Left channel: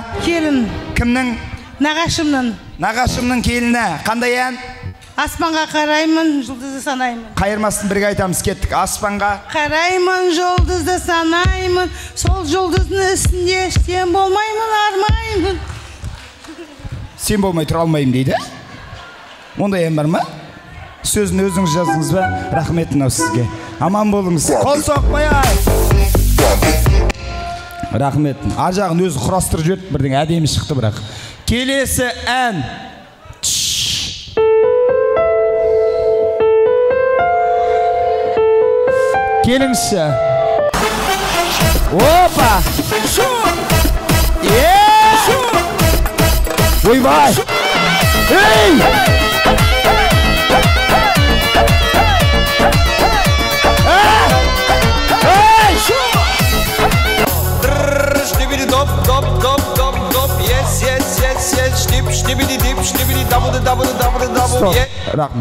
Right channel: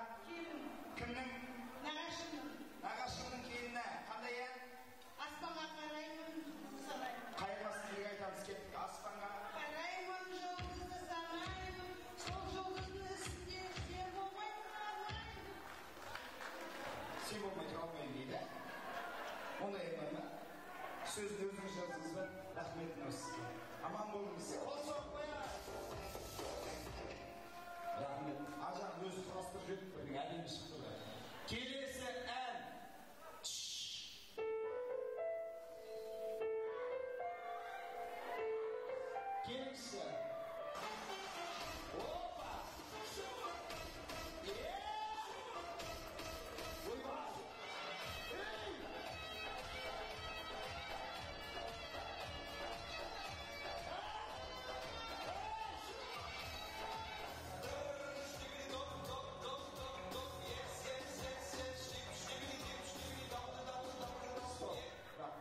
Келін. Кімнің? Нағашымның. Нағашымның келіні. Қандай ән? Аспанға қараймын, жұлдызды санаймын. Қайырмасын бірге айтамыз, кеттік. Аспанға қараймын, жұлдызды санаймын. Сол жұлдыздың үстінде сен болмаймын, армаймын. Сен болмай тұра алмаймын дейді. Ондай ән бар ма? Сөзін өзіңіз жаздыңыз ба? Рахмет мынау сізге. Аман болыңыз. Қол соқпай-ай. Рахмет. Ар жағын өзі құрастырып жүрді, бірдің әдемі шықты бірақ. Келесі ән. Келіңізші. Опа! Ойбай! Ей!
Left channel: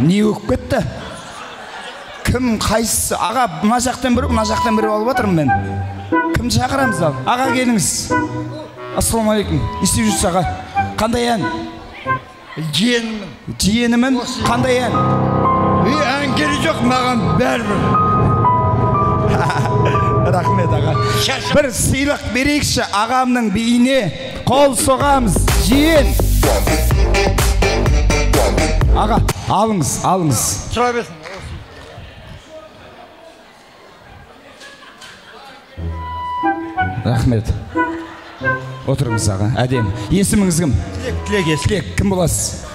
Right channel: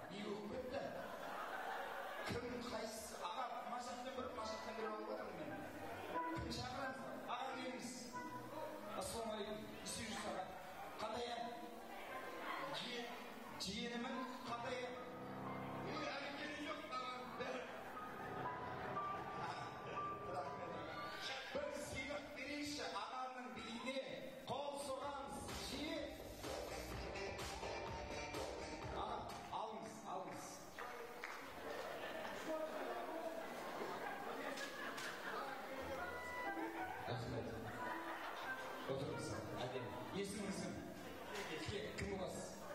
Не өкіп кетті? Кім қайсысы? Аға, мына жақтан бірі алып отырмын мен. Кімді шақырамыз ал? Аға келіңіз. Ассалаумағалейкум. Естіп жүрсіз аға. Қандай ән? Жиенімін. Жиенімін? Қандай ән? Ән келі жоқ, маған бәрібір. Рахмет аға. Бір сыйлық берейікші ағамның биіне. Қол соғамыз. Жиен. Аға, алыңыз. Сұра берсін. Рахмет. Отырыңыз аға, әдем. Есіміңіз кім? Тілек. Кім боласыз?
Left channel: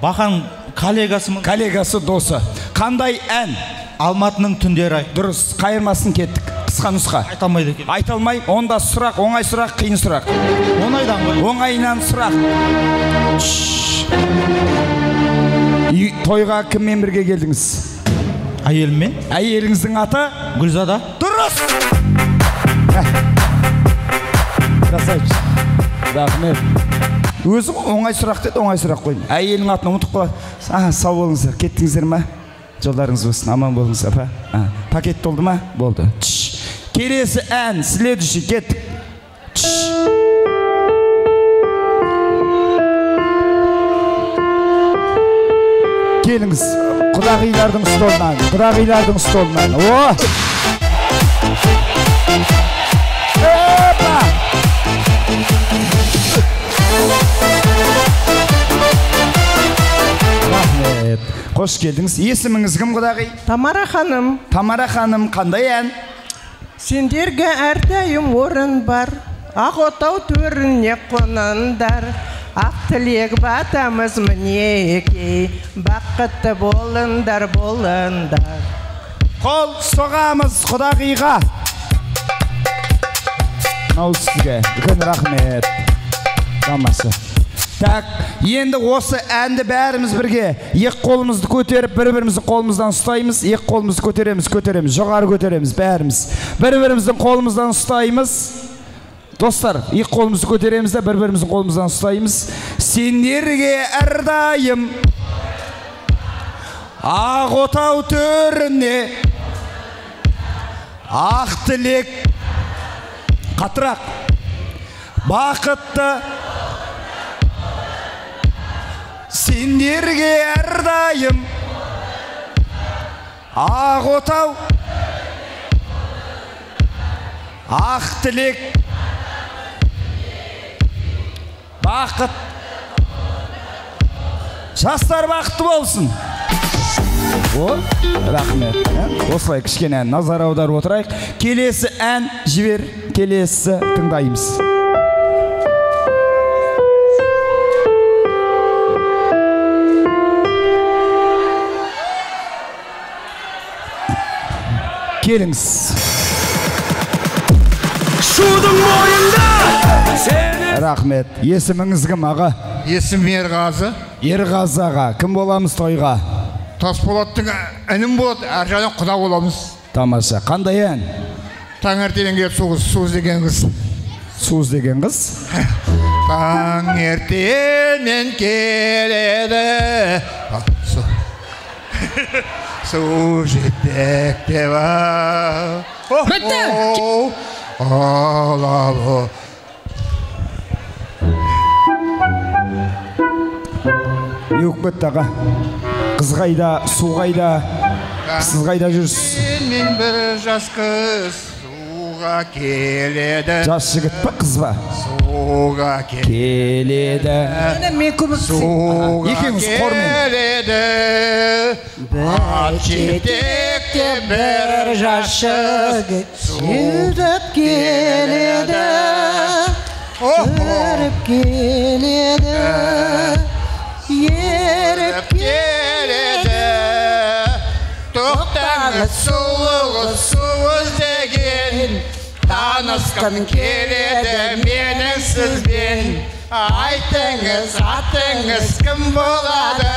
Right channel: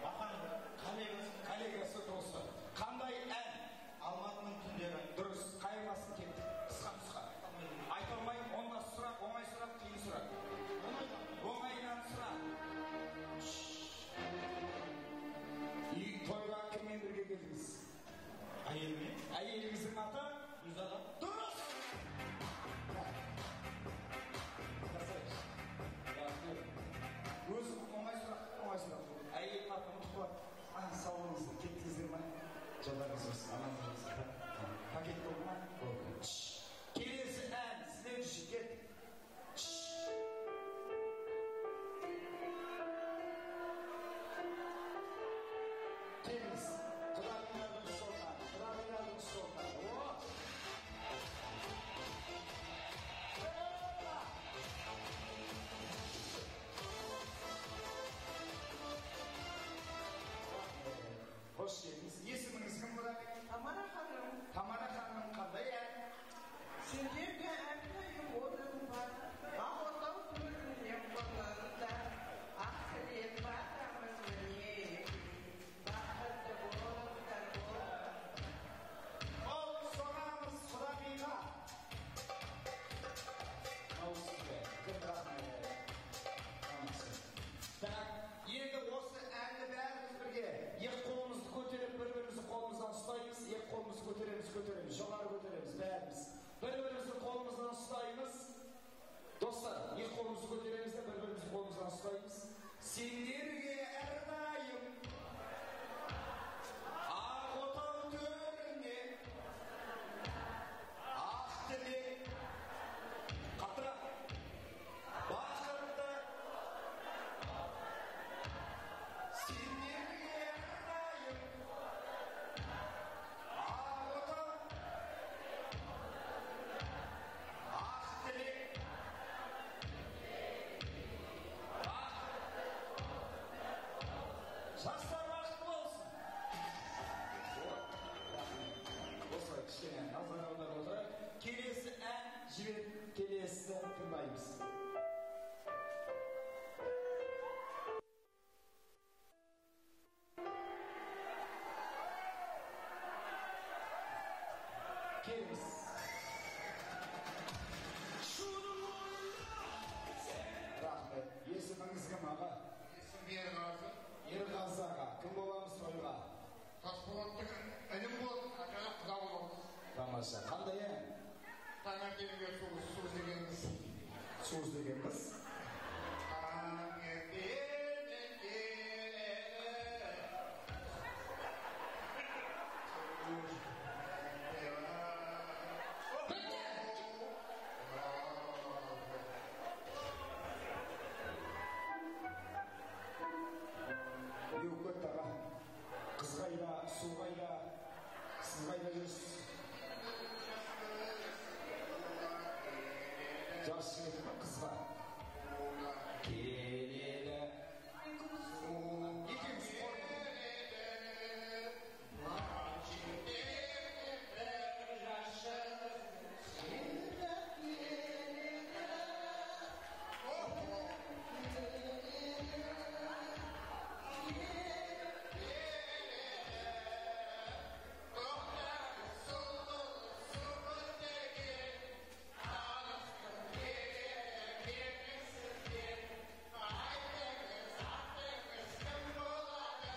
Бақан коллегасымын. Коллегасы, досы. Қандай ән? Алматының түндері. Дұрыс, қайырмасын кеттік. Қысқа нұсқа. Айталмайды екен. Айталмай, онда сұрақ, оңай сұрақ, қиын сұрақ. Оңайдан ғой. Оңайынан сұрақ. Тойға кіммен бірге келдіңіз? Әйеліммен. Әйеліңіздің аты? Гүлзада. Дұрыс! Красавчик. Рахмет. Өзі оңай сұрақ деді, оңай сұрақ қойын. Әйелің атын ұмытып қалады. Сау болыңыздар. Кеттіңіздер ма? Жолдарыңыз болсын, аман болыңыз, апа. Пакет толды ма? Болды. Келесі ән, следующий, кеттік. Келіңіз, құдағилардың столынан. О! Опа! Рахмет. Қош келдіңіз. Есіміңіз кім, құдағи? Тамара ханым. Тамара ханым, қандай ән? Сендерге әрдайым орын бар. Ақ отау төріне қоныңдар. Ақ тілек батамыз мінеке. Бақытты болыңдар. Қол соғамыз құдағиға. Нау сізге. Үлкен рахмет. Тамаша. Так, енді осы әнді бәріміз бірге екі қолымызды көтеріп, бір-біріміздің қолымыздан ұстаймыз, екі қолымызды көтереміз, жоғары көтереміз, бәріміз. Бір-біріміздің қолымыздан ұстаймыз. Достар, екі қолымызды көтереміз де, бір-біріміздің қолымыздан ұстаймыз. Сендерге әрдайым ақ отау төріне ақ тілек қатырақ бақытты сендерге әрдайым ақ отау ақ тілек бақыт жастар бақытты болсын. Рахмет. Осылай кішкене назар аударып отырайық. Келесі ән жібер, келесі тыңдаймыз. Келіңіз. Шудың бойында! Рахмет. Есіміңіз кім, аға? Есім Ерғазы. Ерғазы аға. Кім боламыз тойға? Тасболаттың әнім болады, әр жағынан құда боламыз. Тамаша. Қандай ән? Таңертең келіп Суыз деген қыз. Суыз деген қыз? Таңертең келеді. Су жетекте бар. Бітті! Алабы. Yok бітті аға. Қыз қайда, су қайда, сіз қайда жүрсіз? Мен бір жас қыз суға келеді. Жас жігіт па, қыз ба? Суға келеді. Мен күміс. Суға Екеуіңіз қормен. келеді. Ат жетекте бір жас жігіт Жүріп келеді, жүріп келеді, еріп келеді. Тоқтаңыз сұлуы су іздеген, танысқым келеді менің сізбен. Айтыңыз, атыңыз кім болады?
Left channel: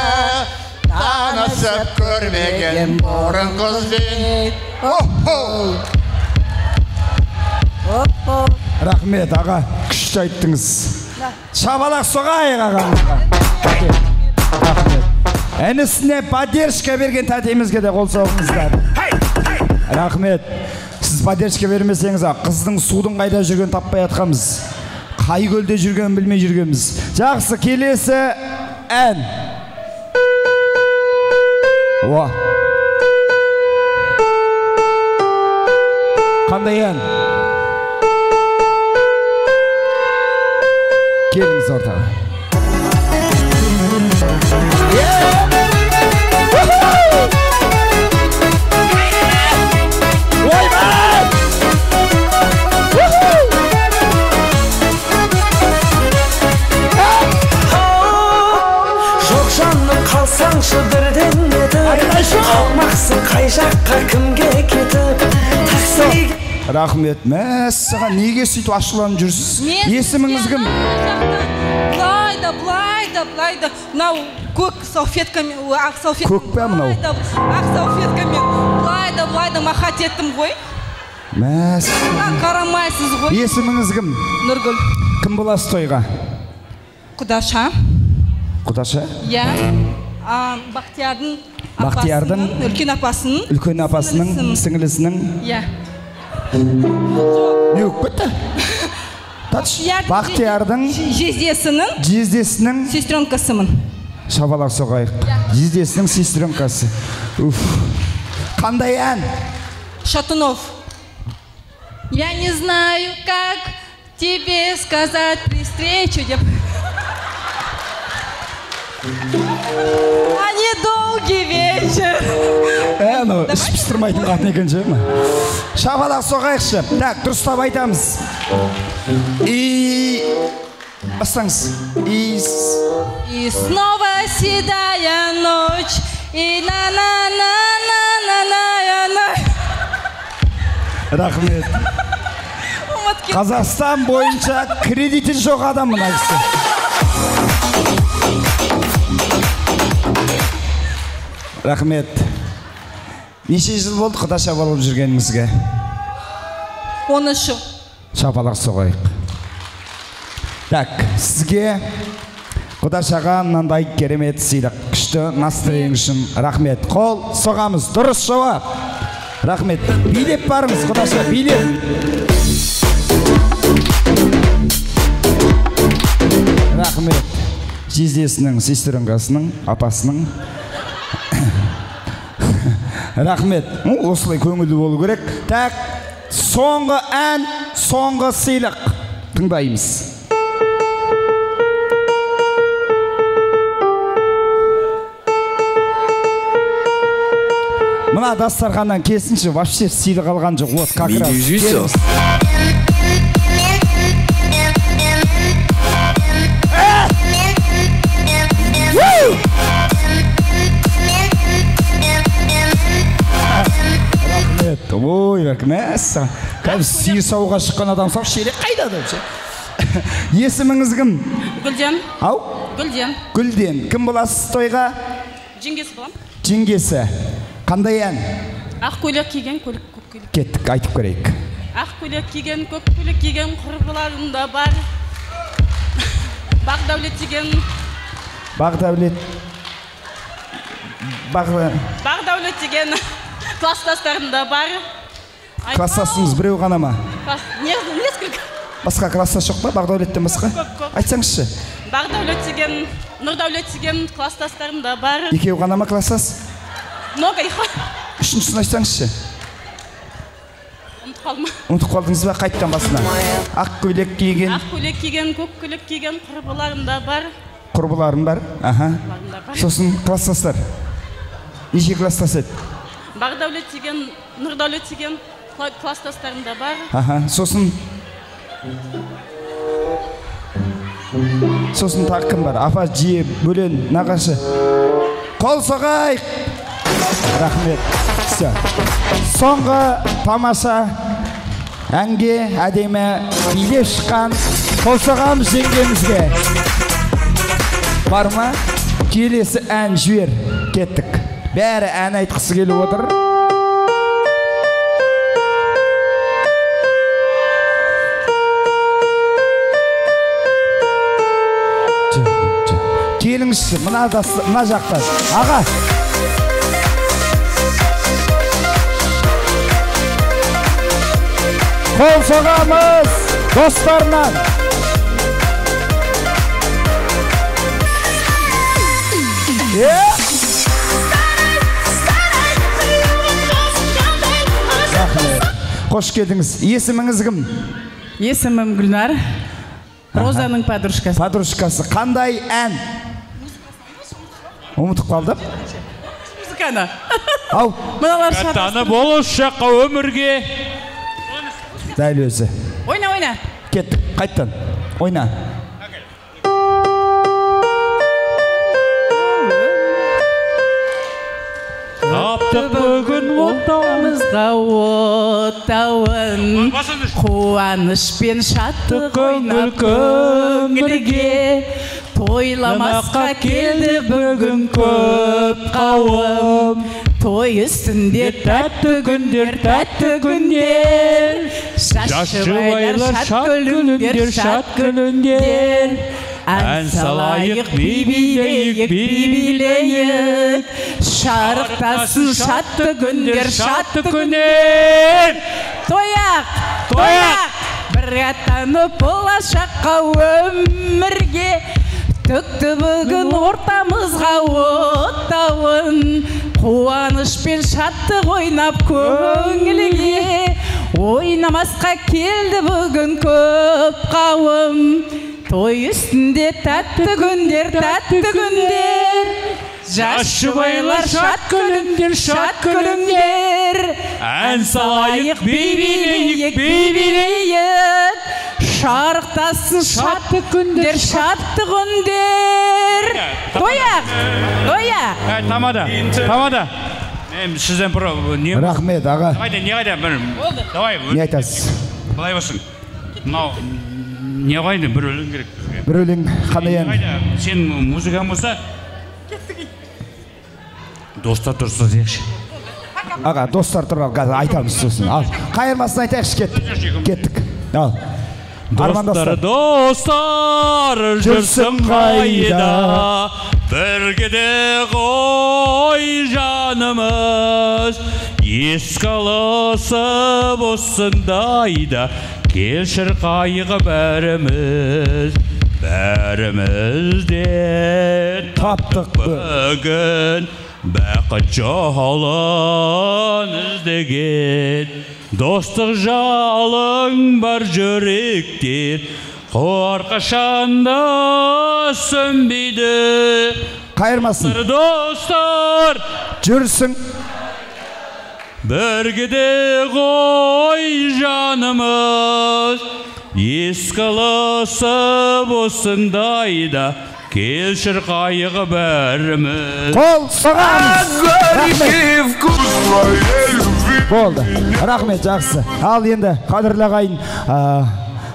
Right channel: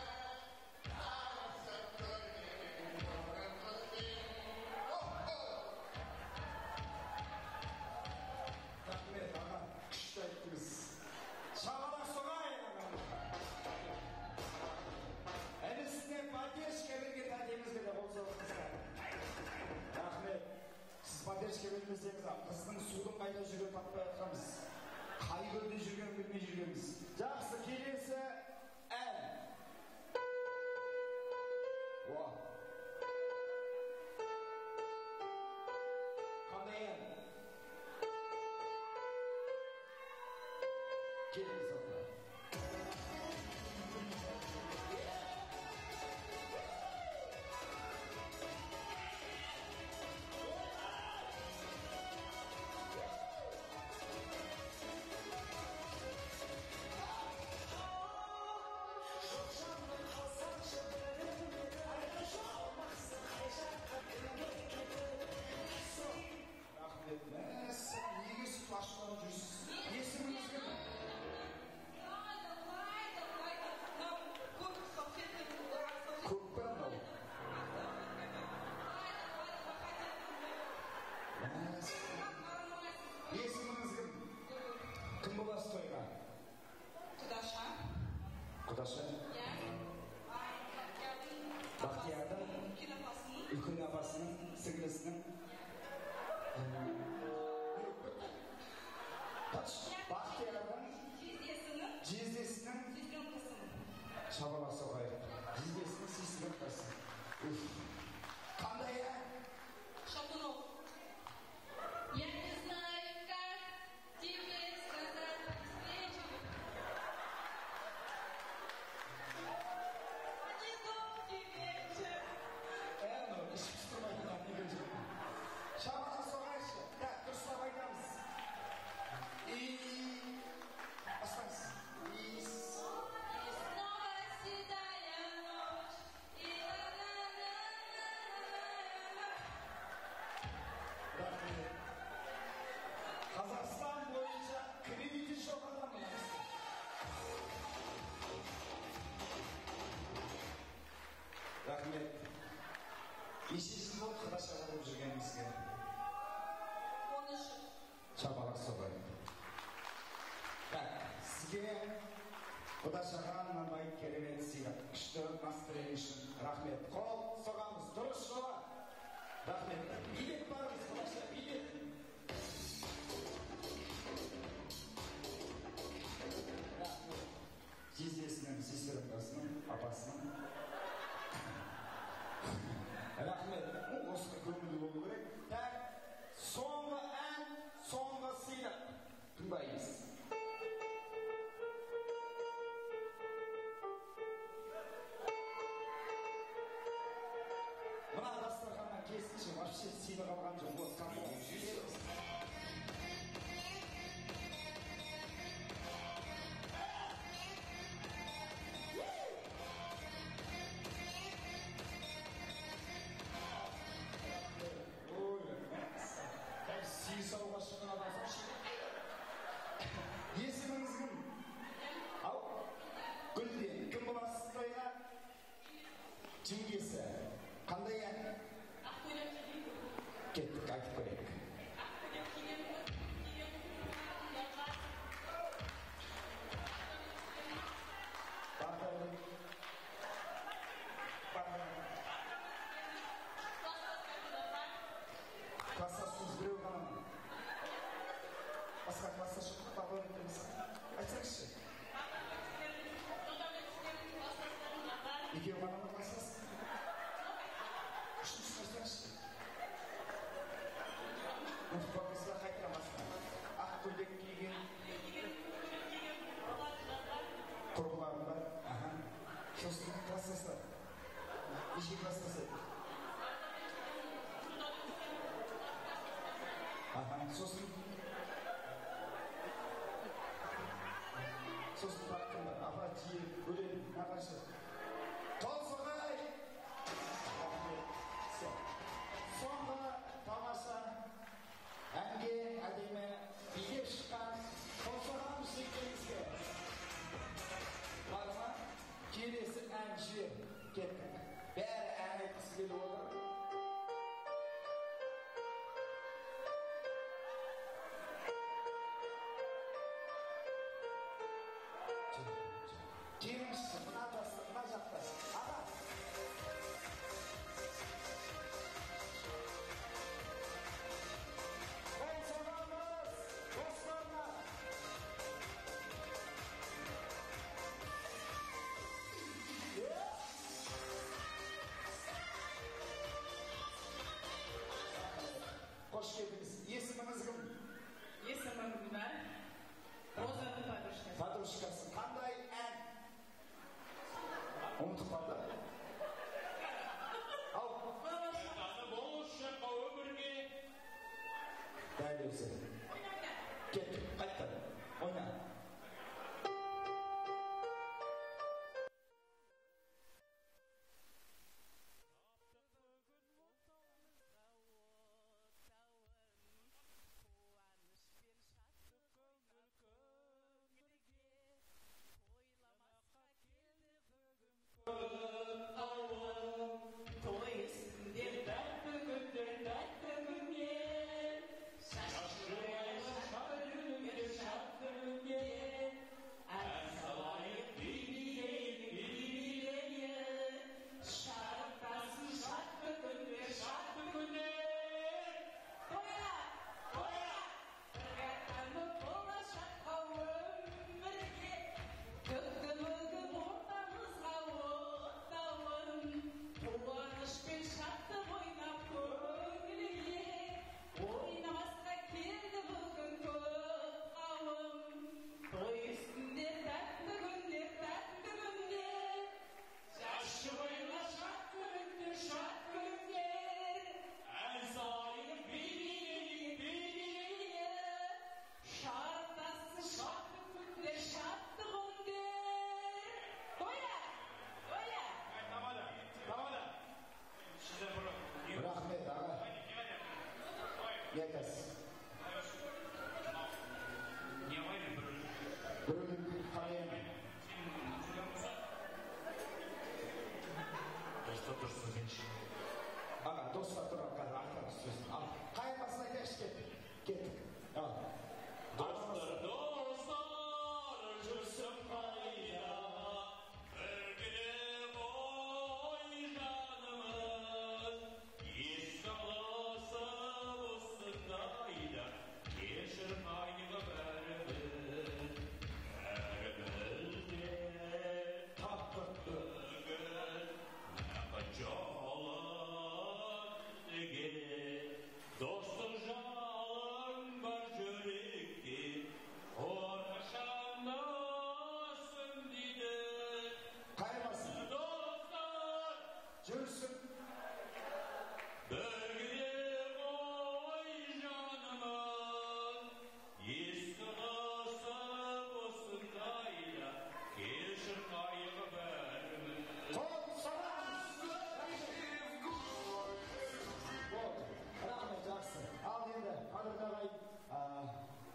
Танысып көрмеген бұрын қызбен. Рахмет аға, күшті айттыңыз. Шабалақ соғайық ағамызға. Рахмет. Әнісіне поддержка берген тәтемізге де қол соғыңыздар. Рахмет. Сіз поддержка бермесеңіз, қыздың судың қайда жүрген таппай атқамыз. Қай көлде жүрген білмей жүргенбіз. Жақсы, келесі ән. Уа. Қандай ән? Келіңіз ортаға. Жоқ жаным қалсаңшы бірден етіп, қалмақсың қай жаққа кімге кетіп, такси. Рахмет. Мәссаған, неге сөйтіп ашуланып жүрсіз? Есіміңіз кім? Блайда. Мынау көк салфеткамен, ақ салфеткамен. Көк пе мынау? Ақ салфеткамен. Блайда махат еттім ғой. Мәссаған. Қарамайсыз ғой. Есіміңіз кім? Нұргүл. Кім боласыз тойға? Құдаша. Құдаша? Иә. Бақтиярдың үлкен апасының сіңілісінің. Иә. Yok bitti. Бақтиярдың жездесінің сестренкасымын. Шабалақ соғайық. Жездесінің сестренкасы. Қандай ән? Шатунов. Я не знаю, как тебе сказать при встрече. А недолгий вечер. Ну, іш пістірмайтын қатын екен жай ма? Шабалақ соғайықшы. Так, дұрыстап айтамыз. Бастаңыз. И снова седая ночь, и на-на-на-на-на-на-на. Рахмет. Қазақстан бойынша кредиті жоқ адам мына кісі. Рахмет. Неше жыл болды Құдаша болып жүргеніңізге? 13 жыл. Шапалақ соғайық. Так, сізге Құдашаға мынандай керемет сыйлық. Күшті настроение үшін рахмет. Қол соғамыз. Дұрыс жауап. Рахмет. Билеп барыңыз, Құдаша, билеп. Рахмет. Жездесінің, сестренкасының, апасының. Рахмет. Осылай көңілді болу керек. Так, соңғы ән, соңғы сыйлық. Тыңдаймыз. Мына дастарханнан келсінші, вообще сыйлық алған жоқ. Вот как раз. Ой, мәссаған. Кәбіз сиыр сауға шыққан адам сау шелек қайда деп ше. Есіміңіз кім? Гүлден. Ау? Гүлден. Гүлден. Кім боласыз тойға? Жеңгесі болам. Жеңгесі. Қандай ән? Ақ көйлек киген, көк көйлек. Кеттік, айтып көрейік. Ақ көйлек киген, көк көйлек киген құрбыларында бар. Бақдәулет деген. Бақдәулет. Бақдәулет деген класстастарында бар. Класстасыңыз біреу ғана ма? Несколько. Басқа класстас жоқ па? Бақдәулеттен басқа? Айтсаңызшы. Бақдәулет деген, Нұрдәулет деген класстастарым да бар. Екеу ғана ма класстас? Много. Үшіншісін айтсаңызшы. Ұмытып қалдым. Ұмытып қалдыңыз ба қайттан басына? Ақ көйлек киген. Ақ көйлек киген, көк көйлек киген құрбыларым да бар. Құрбыларым бар. Аха. Сосын класстастар. Неше класстас еді? Бақдәулет деген, Нұрдәулет деген класстастарым да бар. Аха. Сосын тағы кім бар? Апа, жие, бөлен, нағашы. Қол соғайық! Рахмет. Соңғы тамаша әнге әдемі билеп шыққан қол соғамыз жеңгемізге. Бар ма? Келесі ән жібер. Кеттік. Бәрі ән айтқысы келіп отыр. Келіңізші, мына жақта. Аға! Қол соғамыз достарынан. Қош келдіңіз. Есіміңіз кім? Есімім Гүлнар. Розаның подружкасы. Подружкасы. Қандай ән? Ұмытып қалдым. Музыканы. Ау. Мыналар шарасы. Таны болашаққа өмірге. Дәл өзі. Ойна. Кеттік. Қайттан. Ойна. Таптық бүгін Отауымызға отауын, қуаныш пен шаттық ойнап көңілге, тойламасқа келді бүгін көп қауым. Той үстінде тәтті күндер, шашыбайлар шат күліндер, ән салайық, билейік, шарықтасын шатты күндер. Тояқ, бір аттанып болашаққа өмірге, төкті бүгін ортамызға оттауын, қуаныш пен шаттық ойнап көңілге, ойнамасқа келді бүгін көп қауым. Той үстінде тәтті күндер, жас жұбайлар шат күліңдер, ән салайық, билейік, шарықтасын шатты күндер. Тояқ! Тамада. Сізден бір не? Рахмет, аға. Не қайда? Давай. Не айтасыз? Былай болсын. Мынау не қайда? Бір өлең керек. Бір өлең қандай ән? Сен музыкаң болса достар тұрса дейікші. Аға, достар тұрар, айтамыз сосын. Ал, қайырмасын айтайықшы, кеттік. Ал. Достар жүрсің қайда, біргеде ғой жанымыз, ескалысып осындайда, келшір қайғы бәрімізден таптық бүгін бақыт жолын іздеген. Достық жалың бар жүректер, қорқашанда сөнбейді. Қайырмасын. Достар жүрсің біргеде ғой жанымыз, ескалысып осындайда, келшір қайғы бәріміз. Қол соғамыз. Болды. Рахмет, жақсы. Ал енді, қадірлі ағайын,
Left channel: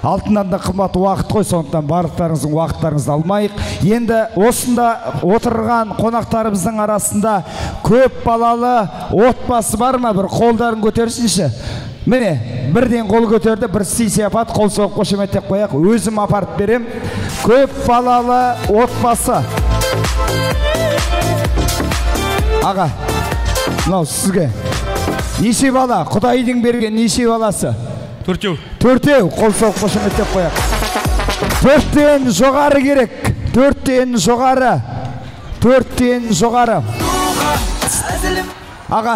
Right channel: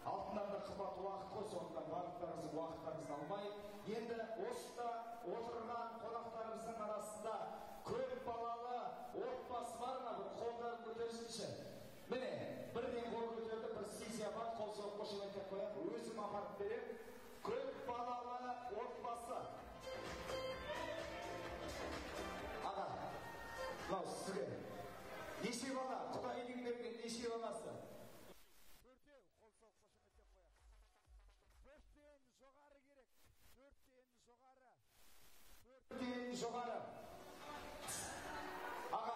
алтыннан да қымбат уақыт қой, сондықтан барлықтарыңыздың уақыттарыңызды алмайық. Енді осында отырған қонақтарымыздың арасында көп балалы отбасы бар ма? Бір қолдарын көтерсінші. Міне, бірден қол көтерді, бір сый-сияпат, қол соғып қошеметтеп қояқ. Өзім апарып берем. Көп балалы отбасы. Аға, мынау сізге. Неше бала? Құдайдың берген неше баласы? Төртеу. Қол соғып қошеметтеп қояқ. Төрттен жоғары керек. 4-тен жоғары. 4-тен жоғары. Аға,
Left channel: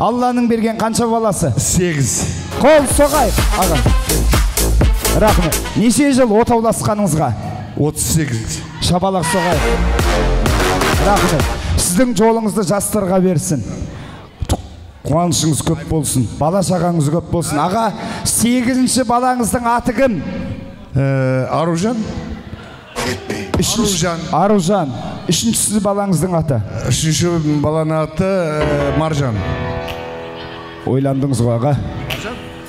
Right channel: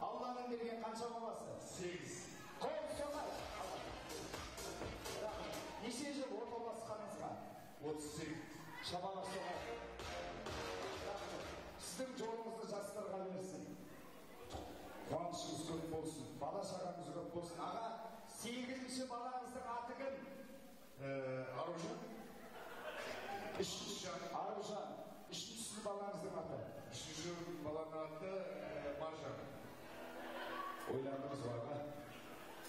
Алланың берген қанша баласы? 8. Қол соғайық, аға. Рахмет. Неше жыл отауласқаныңызға? 38. Шабалақ соғайық. Рахмет. Сіздің жолыңызды жастарға берсін. Қуанышыңыз көп болсын. Бала шағаңыз көп болсын. Аға, 8-ші балаңыздың аты кім? Аружан. Аружан. 3-ші балаңыздың аты? 3-ші баланың аты Маржан. Ойландыңыз ғой, аға.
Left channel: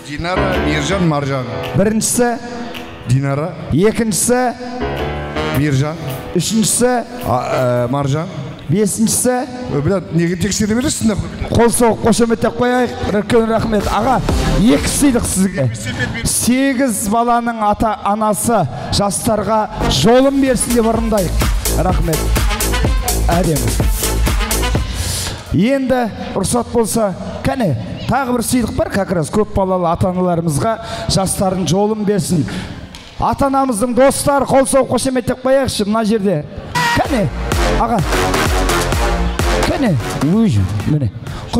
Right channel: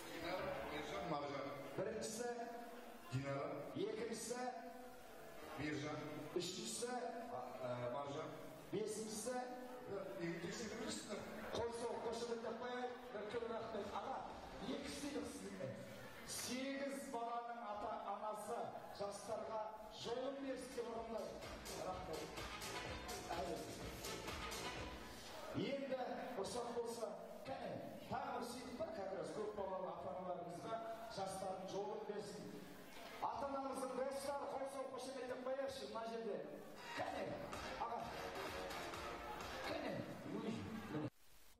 Динара, Миржан, Маржан. 1-шісі? Динара. 2-шісі? Миржан. 3-шісі? Маржан. 5-шісі? Неге тексере бересің? Қол соғып қошеметтеп қояйық. Үлкен рахмет. Аға, 2 сыйлық сізге. 8 баланың ата-анасы жастарға жолын берсін деп ырымдайық. Рахмет. Әдемі. Енді рұқсат болса, кәне, тағы бір сыйлық бар, как раз көп балалы ата-аналарымызға жастардың жолын берсін. Ата-анамыздың достары қол соғып қошеметтеп қояйықшы мына жерде. Кәне, аға. Кәне, міне.